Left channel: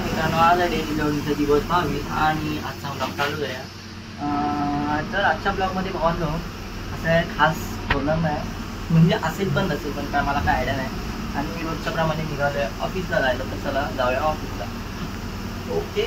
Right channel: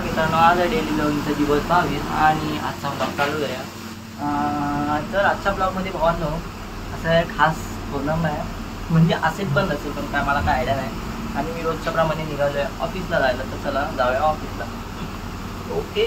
मित्रांनो आज डेली ब्लॉगिंगचा दिवस 22 आणि आजचा ब्लॉग चालू करूया। तर आजच्या ब्लॉगमध्ये भावांनो असं खास बोलणं नाही, म्हणजे असेल पण नसेल पण काय मला काय आयडिया नाही। आणि रोजच्या प्रमाणे निघालोय ऑफिसला जायला, तर चला जाऊया ऑफिसला। ओके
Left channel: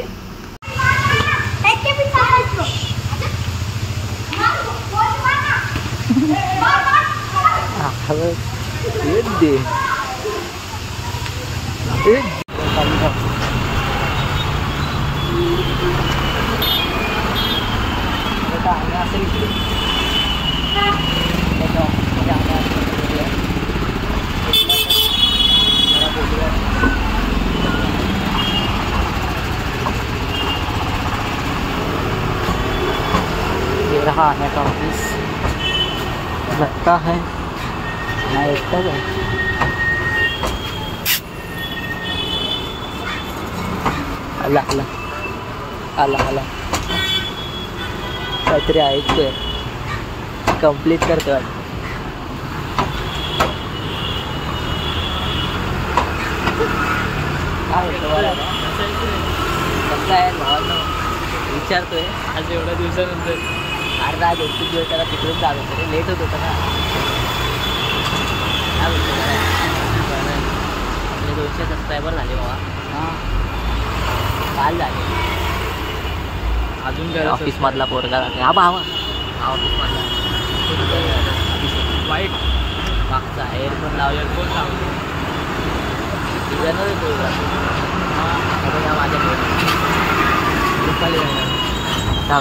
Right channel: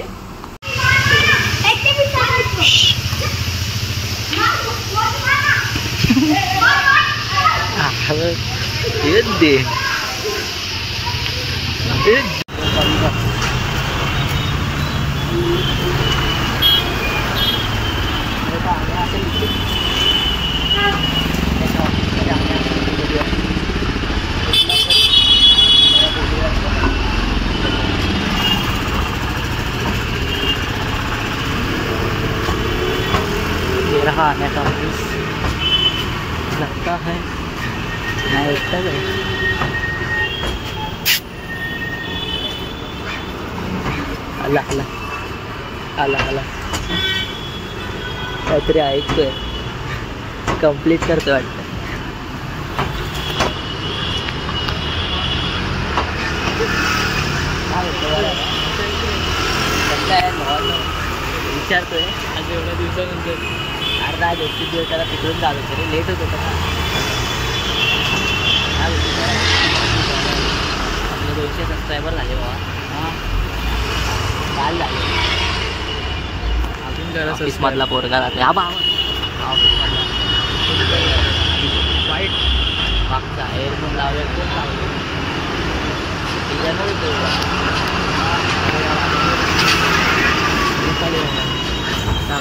ये रहा आने का ऑफिस, लगता है मैं एकटा है। अल्लाह अल्लाह अल्लाह अल्लाह काहीतरी ऐकतोय, कंप्लीट करतोय वाटतं। काय होतं कसं आहे भावांनो, विचारतोय आज एवढ्या दिवसानंतर। अर्धा आज 21 दिवस त्याला तिकडून जात होतं रे, लेट होत होतं ना। काय बोलतो आपले 200 सबस्क्रायबर झाले बाबा। हां काल झाले। अजून ऑफिसमधला पोरगा राहते हा बाबा, हा ऑफिसमधला वाईट मागचा एअरफोन लावलेला कोण लावले डिझायनर पोरगा। या माझ्या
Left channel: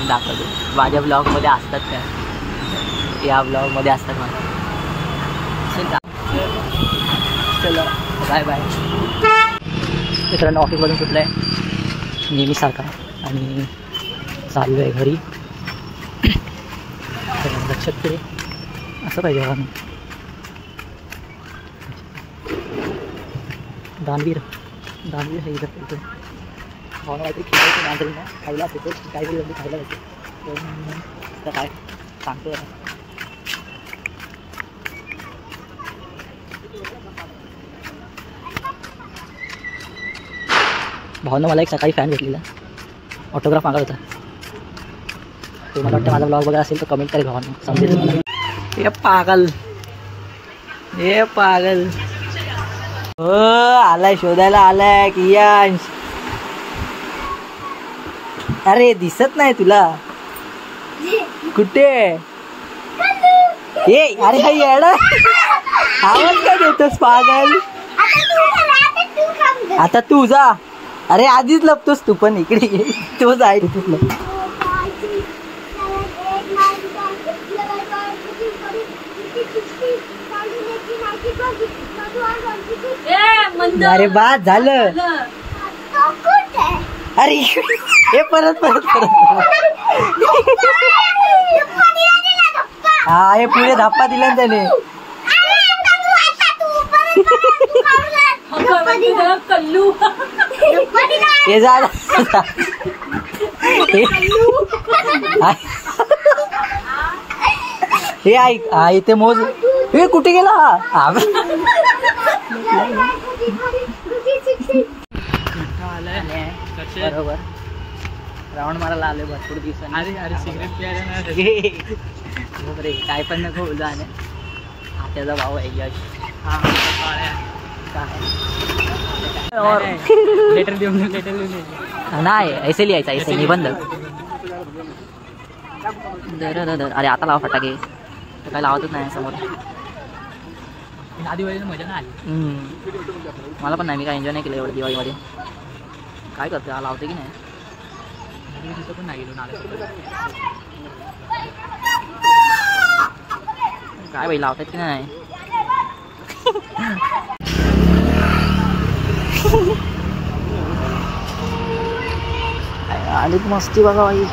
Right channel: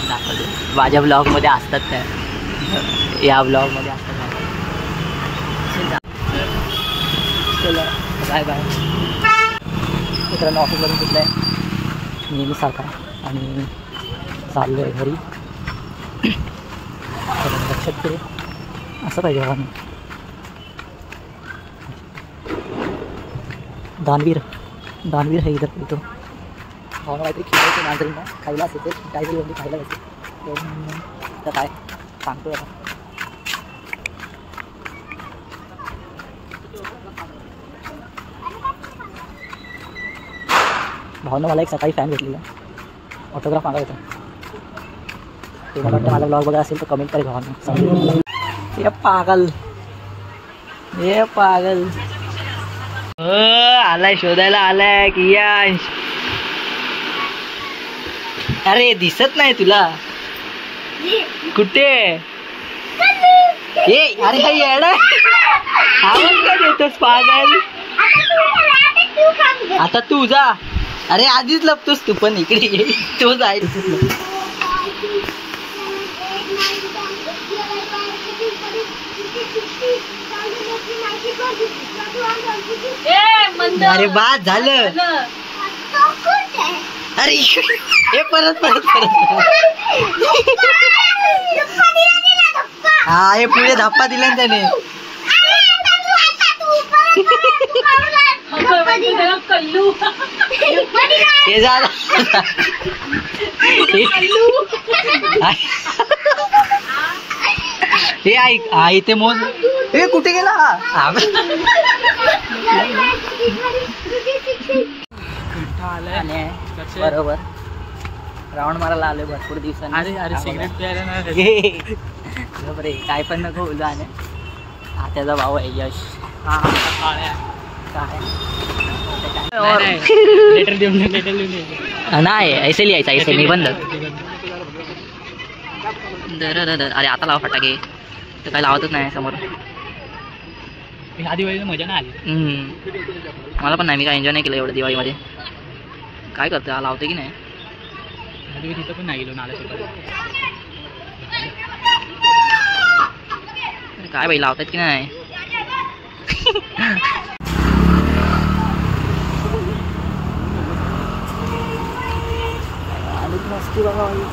दाखवतो माझ्या ब्लॉगमध्ये असतात काय, या ब्लॉगमध्ये असतात माझ्या। चला बाय बाय मित्रांनो, ऑफिसमधून सुटलं आहे नेहमीसारखा आणि चाललो आहे घरी। लक्षात पुढे असं पाहिजे बघा, दानवीर दानवीर हे इथं बोलतो भावना काहीतरी खेळायचं नांदरींना खायला असेल तर काहीतरी म्हणजे खायला असेल तर काय सांगतो आता। भावना मला एक सकाळी फॅन भेटलेला, ऑटोग्राफ मागत होता। ते मला वाटतं माझा ब्लॉग बघा असेल तर कमेंट करेल भावना, समजेल तुम्हाला। हे पागल हे पागल आलाय, शोधायला आलाय कियांश। अरे दिसत नाही तुला कुठे? ए अरे हा येडा आवाज का देतोस पागल? आता तू जा, अरे आधीच लपतोस तू पण, इकडे ये तो जाय। अरे बाद झालं, अरे हे परत परत परत हा हे पुढे धप्पा दिला ना त्याने। हे जा हे ऐक, हा इथे मोज। हे कुठे गेला हा? बरोबर राऊंड मारायला आले भरपूर दिवसांनी। अरे अरे सिगरेट प्यायला रे, काय पण नको जाणे। त्याचा भाऊ आहे यश। हा लेटर देऊन नाही ऐसे लिहायचा, ऐसे निबंध। अरे आता लावा फटाके, तर काय लावतच नाही समोर। दिवाळीला मजा नाही आली मला पण नाही, मी काय एन्जॉय नाही केलं एवढं दिवाळीमध्ये। काय करते हा लावते की नाही, तिथं पण नाही गेलो नाला। काय बाई लावतात की नाही? आणि मस्ती बघा बाई।